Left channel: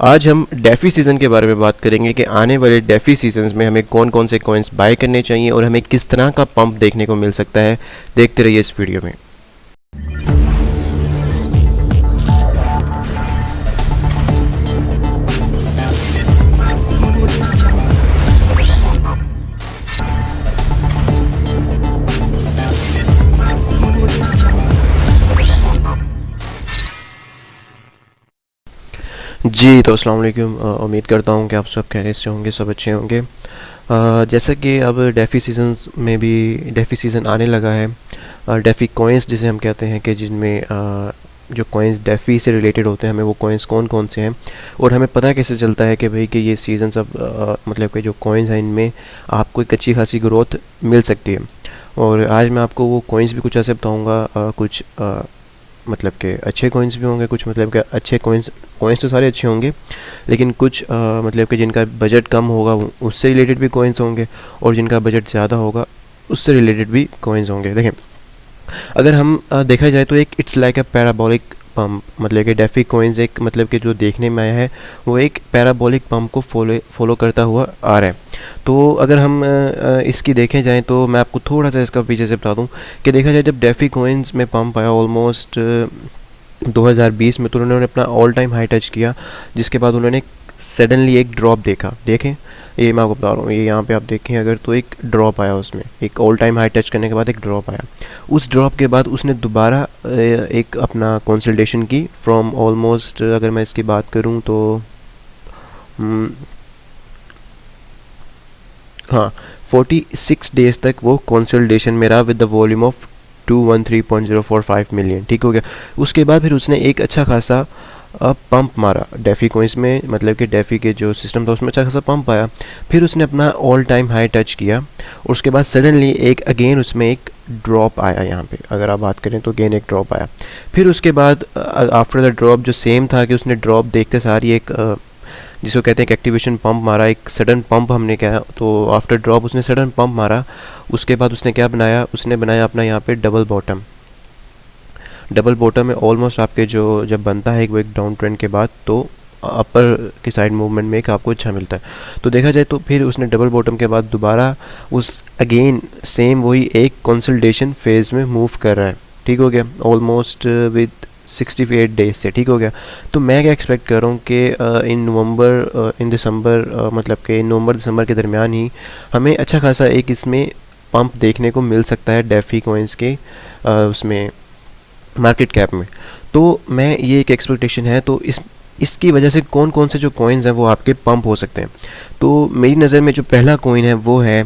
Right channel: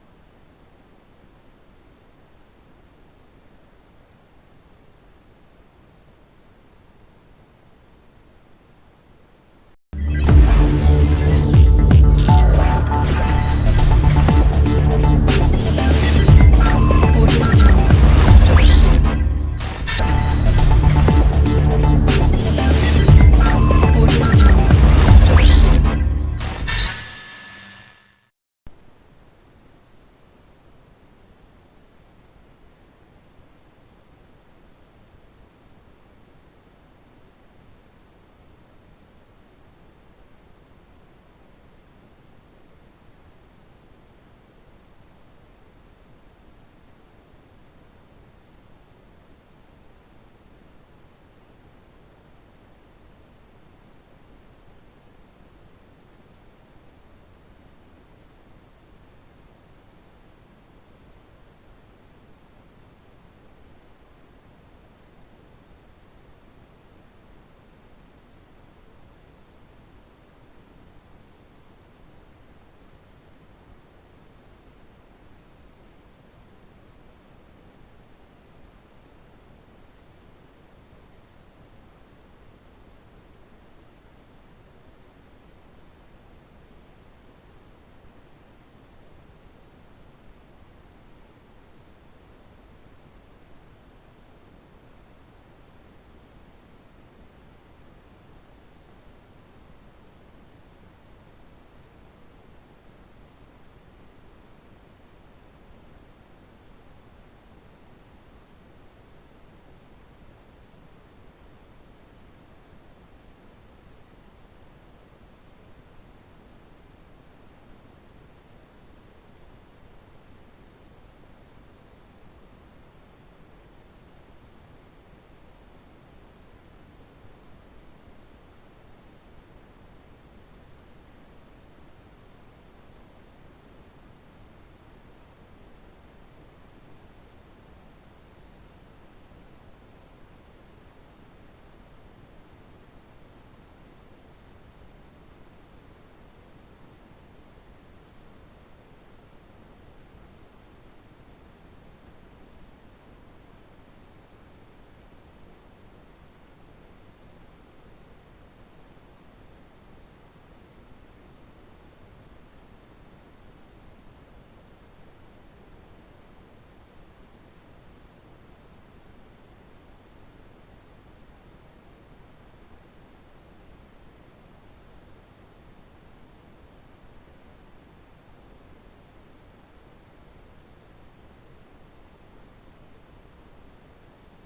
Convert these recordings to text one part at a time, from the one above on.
आज हम डेफ़ी सीज़न के बारे में बात करेंगे कि आने वाले डेफ़ी सीजन्स में हमें कौन कौन से कॉइन्स बाय करने चाहिए और हमें किस तरह का पंप देखने को मिल सकता है। देखते रहिए इस वीडियो में। जी तो अस्सलाम वालेकुम। उम्मीद करता हूँ कि आप सब खैरियत से होंगे, सब अच्छे होंगे। जैसा कि अब डेफ़ी सीजन्स में भी डेफ़ी सीज़न आने लगा है। डेफ़ी कॉइन्स जिसे हम कहते हैं कि जिनमें जो कॉइन्स डेफ़ी से रिलेटेड होते हैं, हमें वो कॉइन्स कौन कौन से हैं और हमें पता कैसे चलता है कि भाई कि ये सीज़न सब मतलब कि जो कॉइन्स हैं इनमें आपको एक अच्छी खासी ग्रोथ मिल सकती है। और आज मैं आपको वो कॉइन्स भी कुछ ऐसे बताऊँगा, कुछ मतलब के अच्छे कॉइन्स भी होंगे, कुछ मतलब के अच्छे कॉइन्स कॉइन्स तो सारे अच्छे होंगे, लेकिन कुछ मतलब कि जिनका बजट कम होगा उससे रिलेटेड भी कॉइन्स होंगे, और जिनका बजट ज़्यादा होगा उससे रिलेटेड भी कॉइन्स होंगे। देखें, अगर हम देखा जाए तो एक it's like a parabolic pump, मतलब कि डेफ़ी कॉइन्स एक मतलब कि जो देखने में आया है वो एक पैराबोलिक पम्प को फॉलो करता हुआ आ रहा है। तो अगर हम इसकी देखें जाएँ तो मैं आपको थोड़ा सा इसका पीछे से बता दूं कि देखा जाए जब डेफ़ी कॉइन्स में पंप आया ऑलमोस्ट 2020 में, तो उन्होंने अपना ऑल टाइम हाई टच किया, जिसके बाद उन्होंने सडनली एक ड्रॉप देखा। देखें, ये मैं आपको बता रहा हूँ, ये यहाँ पे आप देखें अगर, तो एक ड्रॉप आया, उसमें एक ऑल टाइम हाई टच करने के बाद एक ड्रॉप आया। उस ड्रॉप के बाद उसने दोबारा एक अपना कंसल्टेशन की फ्रॉम ऑलमोस्ट, अगर मैं इसकी बात करूँ तो हम्म, हाँ, 46 डेज तक वो कंसल्टेशन में रहा with the volume of 213.045 million. ठीक हो गया। उसके बाद फिर उसने एक अच्छा खासा पंप मारा डेफ़ी कोइंस में, मतलब कि डेफ़ी के जो सिस्टम था उसमें अच्छा खासा पंप आया। फिर उसने अपना ऑल टाइम हाई टच किया और उसके बाद सडनली एक अगेन उसमें एक ड्रॉप आया। यहाँ पे अगर आप बात करें तो अगेन एक ड्रॉप आया। फिर उसके बाद आफ्टर द ड्रॉप जो सेम था कि उसने ड्रॉप देखते सारी एक जिसको कहते हैं कि एक्टिवेशन पंप मारा, एक सडन पंप हमने क्या, तो आफ्टर ड्रॉप उसने सडन पंप मारा। उसके बाद उसने क्या बनाया, उसने बनाया अपना यहाँ पे डबल बॉटम। डबल बॉटम में ऑलमोस्ट आपके जो जब बनता है वो एक डाउन ट्रेंड के बाद, तो अपर की साइड मूवमेंट में एक आपको अच्छा मिलता है। तो देखा जाए तो फिर उसने डबल बॉटम के बाद दोबारा उस अगेन सेम वही एक कंसल्टेशन फेज़ में मूव कर रहा है। ठीक हो गया, ऑलमोस्ट विद 68 डेज से। ठीक हो गया। तो मैं क्या एक्सपेक्ट कर रहा हूँ कि इन दिसंबर, मतलब कि नवंबर दिसंबर के दरमियान ही हमें अच्छा खासा एक इसमें पंप देखने को मिल सकता है डेफ़ी कॉइन्स के उसमें मार्केट कैप में। तो मैं ये एक एक्सपेक्टेशन है। तो इसकी वजह से कौन कौन से जो कॉइन्स हैं वो आपके पंप हो सकते हैं। तो मेरी नज़र में जो पहला कॉइन है वो है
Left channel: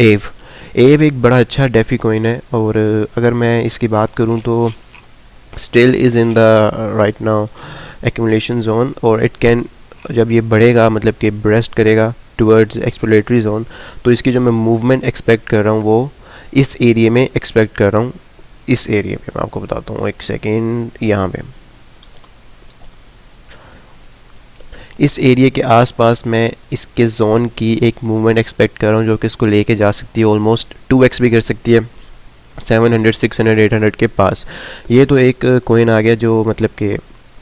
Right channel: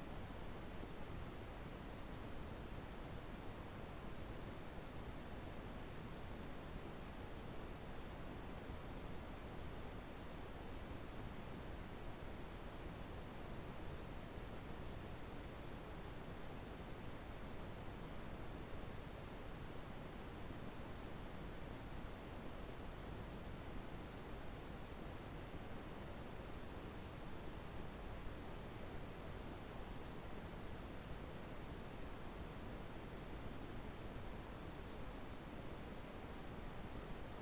एव। एव एक बड़ा अच्छा डेफ़ी कॉइन है, और अगर मैं इसकी बात करूं तो still is in the right now accumulation zone, और इट कैन, जब ये बढ़ेगा मतलब कि ब्रेस्ट करेगा टुवर्ड्स एक्सप्लोरेटरी जोन, तो इसकी जो मैं मूवमेंट एक्सपेक्ट कर रहा हूँ वो इस एरिया में एक्सपेक्ट कर रहा हूँ। इस एरिया पे मैं आपको बताता हूँ, एक सेकेंड, यहाँ पे इस एरिया के आसपास मैं इसके जोन की एक मूवमेंट एक्सपेक्ट कर रहा हूँ जो कि इसको लेके जा सकती है, ऑलमोस्ट 2x भी कर सकती है, 700 600 800 के पास। ये तो एक कोइन आ गया जो मतलब कि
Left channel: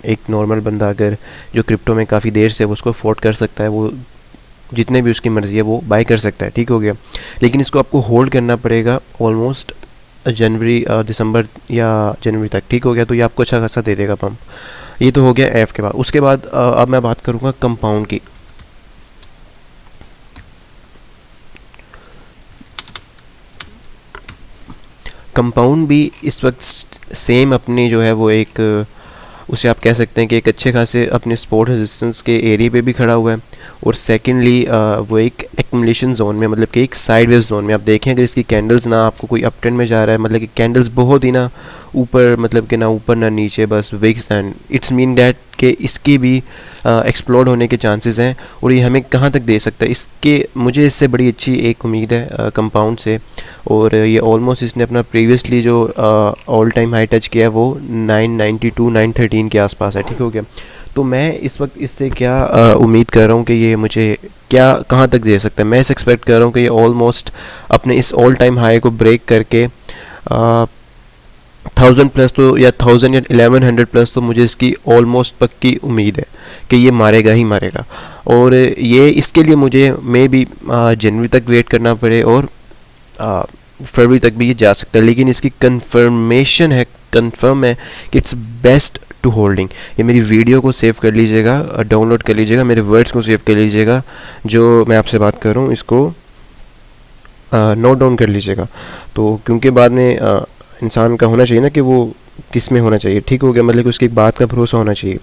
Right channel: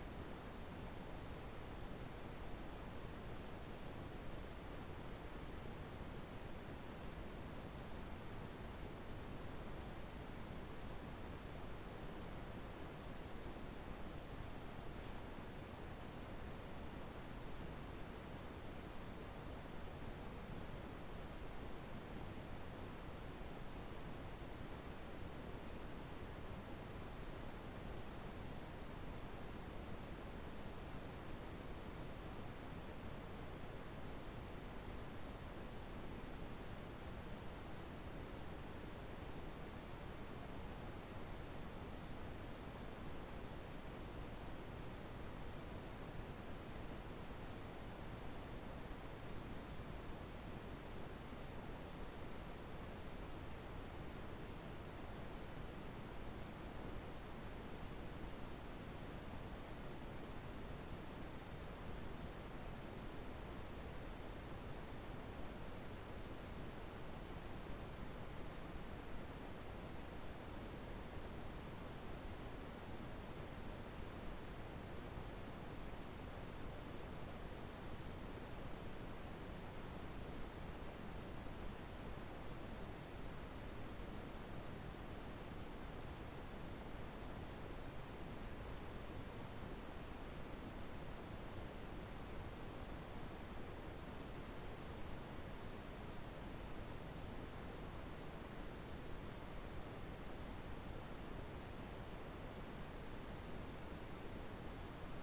एक नॉर्मल बंदा अगर जो क्रिप्टो में काफ़ी देर से, वो उसको अफोर्ड कर सकता है, वो जितने भी उसकी मर्ज़ी है वो बाय कर सकता है। ठीक हो गया। लेकिन इसको आपको होल्ड करना पड़ेगा ऑलमोस्ट जनवरी दिसंबर या जनवरी तक। ठीक हो गया। तो ये आपको अच्छा खासा दे देगा पंप। ये तो हो गया एफ़ के बाद। उसके बाद अब मैं बात करूँगा कंपाउंड की। कंपाउंड भी इस वक्त सेम अपनी जो है वो एक उसे आप कह सकते हैं कि एक अच्छे खासे अपने सपोर्ट रेजिस्टेंस के एरिया पे भी खड़ा हुआ है। और सेकेंडली वो एक एक्यूमुलेशन जोन में, मतलब कि एक साइड वेव जोन में। आप देखें अगर इसकी कैंडल्स ना आपको कोई अप ट्रेंड में जा रहा है, मतलब कि कैंडल्स बहुत ही ना ऊपर, मतलब कि ना ऊपर ना नीचे, बस विक्स, एंड इट्स मीन डैट कि इसकी भी एक्सप्लोड होने के चांसेस हैं। और ये हमें कहाँ तक दे सकता है, इसके मुझे इससे बड़ी अच्छी एक उम्मीद है कंपाउंड से। और ये ऑलमोस्ट इसने अपना प्रीवियसली जो ऑल टाइम हाई टच किया है वो 992 913 के आसपास है। ठीक हो गया। तो मैं इस वक्त इससे क्या उम्मीद कर रहा हूँ कि ये मुझे क्या कहाँ तक दे सकता है। मैं इस एक्सपेक्ट कर रहा हूँ कि ये ऑलमोस्ट अपने इस ऑल टाइम हाई को ब्रेक करके 1000 प्लस तो, या 1000 या 1100 प्लस तो मुझे इसकी ऑलमोस्ट पक्की उम्मीद है कि ये मारेगा ही मारेगा। और ये इसके लिए मुझे मे बी जनवरी तक वेट करना पड़े, और फरवरी तक भी ये जा सकता है, लेकिन इसकी कंफर्म है कि इट्स बेस्ट टू होल्डिंग। ये मेरी वीडियो को सेव कर लीजिएगा, डाउनलोड कर लीजिएगा, मेरे वर्ड्स को सेव कर लीजिएगा, जो मैं आपसे बात कर रहा हूँ इसको नोट डाउन कर लीजिएगा। तो क्योंकि बाद में इंसान का होना चाहिए ना कि वो किस में होना चाहिए, ठीक हो गया, मतलब कि उसकी बात का भरोसा होना चाहिए।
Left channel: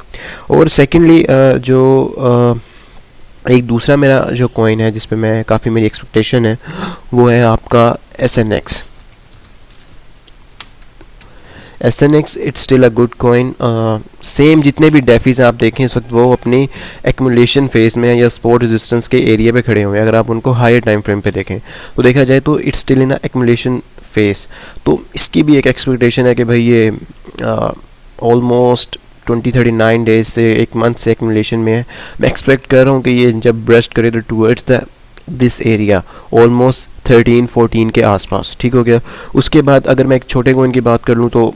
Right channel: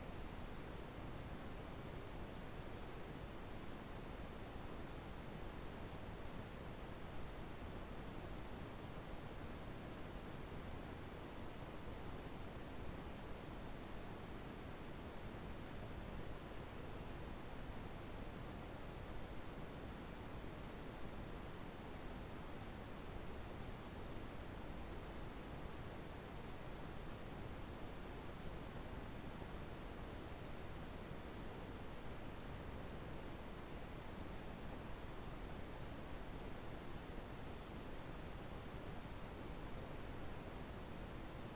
और सेकेंडली जो एक दूसरा मेरा जो कॉइन है जिस पे मैं काफ़ी मेरी एक्सपेक्टेशन है, वो है आपका SNX। SNX it's still a good coin. Same जितने भी डेफीज आप देखें इस वक्त वो अपनी एक्मुलेशन फेज में या सपोर्ट रेजिस्टेंस के एरिया पे खड़े हुए हैं। अगर आप उनको हायर टाइम फ्रेम पे देखें तो देखा जाए तो it's still in a accumulation phase. तो इसकी भी एक एक्सपेक्टेशन है कि भाई ये ऑलमोस्ट 20-39 डेज से एक मंथ से एक्मुलेशन में है। मैं एक्सपेक्ट कर रहा हूँ कि ये जब ब्रेस्ट करे तो towards the this area almost 13-14 के आसपास, ठीक हो गया। उसके बाद अगर मैं एक छोटे कॉइन की बात कर लूँ तो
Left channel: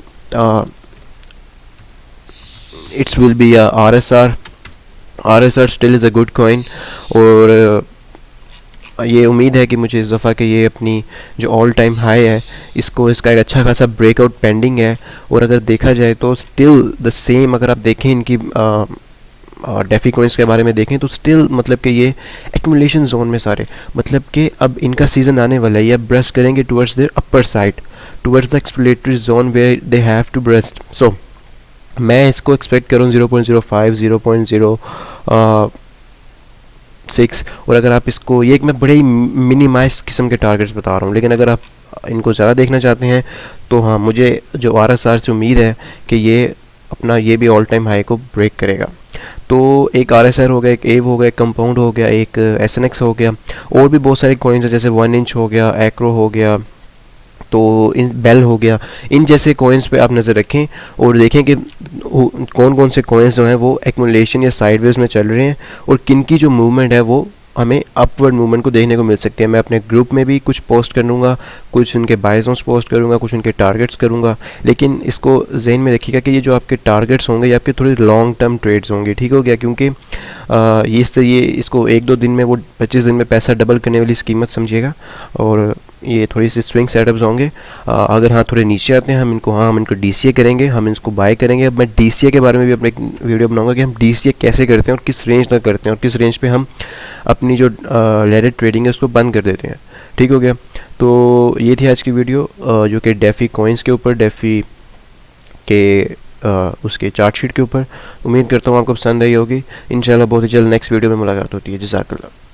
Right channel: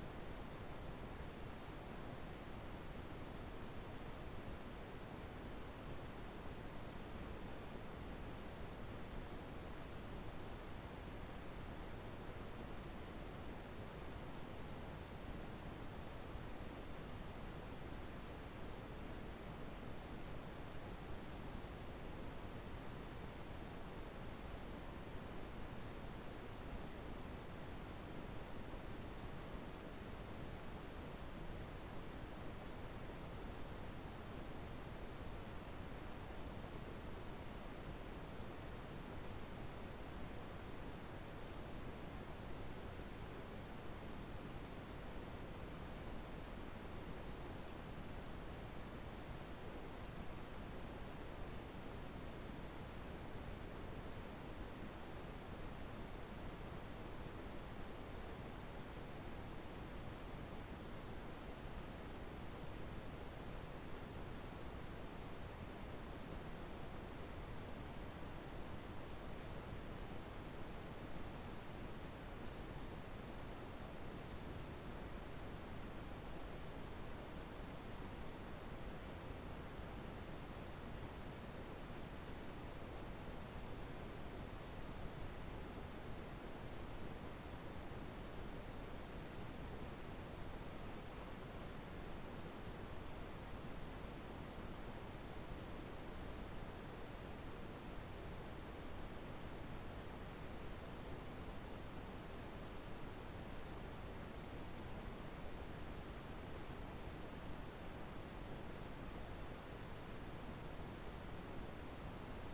it's will be RSR still is a good coin. और ये उम्मीद है कि मुझे इस दफ़ा कि ये अपनी जो ऑल टाइम हाई है इसका एक अच्छा खासा ब्रेकआउट पेंडिंग है। और अगर देखा जाए तो स्टिल द सेम, अगर आप देखें इनकी डेफी कॉइन्स के बारे में देखें तो स्टिल मतलब कि ये एक्मुलेशन जोन में सारे, मतलब कि अब इनका सीज़न आने वाला है, ये अब ब्रेस्ट करेंगे towards their upper side, towards the exploratory zone where they have to burst. So मैं इसको एक्सपेक्ट करूँ 0.05, 0.06। और अगर आप इसको, ये एक मैं बड़े ही मिनिमाइज किस्म के टारगेट्स बता रहा हूँ, लेकिन अगर आप इनको ज़्यादा देखना चाहते हैं तो हाँ, मुझे जो RSR से उम्मीद है कि ये अपना ये भी ऑल टाइम हाई को ब्रेक करेगा। तो एक RSR हो गया, एक एव हो गया, एक कंपाउंड हो गया, एक SNX हो गया, और भी बहुत सारे कॉइन्स हैं जैसे 1 इंच हो गया, एक्रो हो गया, तो इन बेल हो गया। इन जैसे कॉइन्स पे आप नज़र रखें और देखें कि कौन कौन से कॉइन्स जो हैं वो एक्मुलेशन या साइडवेज में चल रहे हैं, और किन की जो मूवमेंट है वो हमें अपवर्ड मूवमेंट को देखने को मिल सकती है। मैं अपने ग्रुप में भी कुछ पोस्ट करूँगा, कुछ उनके बाय जोन्स पोस्ट करूँगा, कुछ उनके टारगेट्स करूँगा, लेकिन इसको जहन में रखिएगा कि ये जो आपके टारगेट्स होंगे ये आपके थोड़े लॉन्ग टर्म ट्रेड्स होंगे, ठीक हो गया। क्योंकि ये इसको 1-2 दिन में, वो 25 दिन में पैसा डबल करने वाली स्कीमत समझिएगा, और ये थोड़ी सी स्विंग सेटअप्स होंगे। अगर हाँ थोड़े नीचे आते हैं हम इनको DCA करेंगे, हम इसको बाय करेंगे। अब मैं DCA के बारे में भी अपने एक वीडियो बनाऊंगा कि हम DCA कैसे करते हैं और किस रेंज तक करते हैं, और किस रेंज पे हम अपनी जो लेडेड ट्रेडिंग है उसको बंद कर देते हैं, ठीक हो गया। तो ये थी आज की वीडियो जो कि डेफी कॉइन्स के ऊपर, डेफी के उसके चार्ट शीट के ऊपर। उम्मीद करता हूँ आपको पसंद आई होगी। इंशाल्लाह बहुत ही जल्द नेक्स्ट वीडियो में मुलाकात होती है। जज़ाकल्लाह।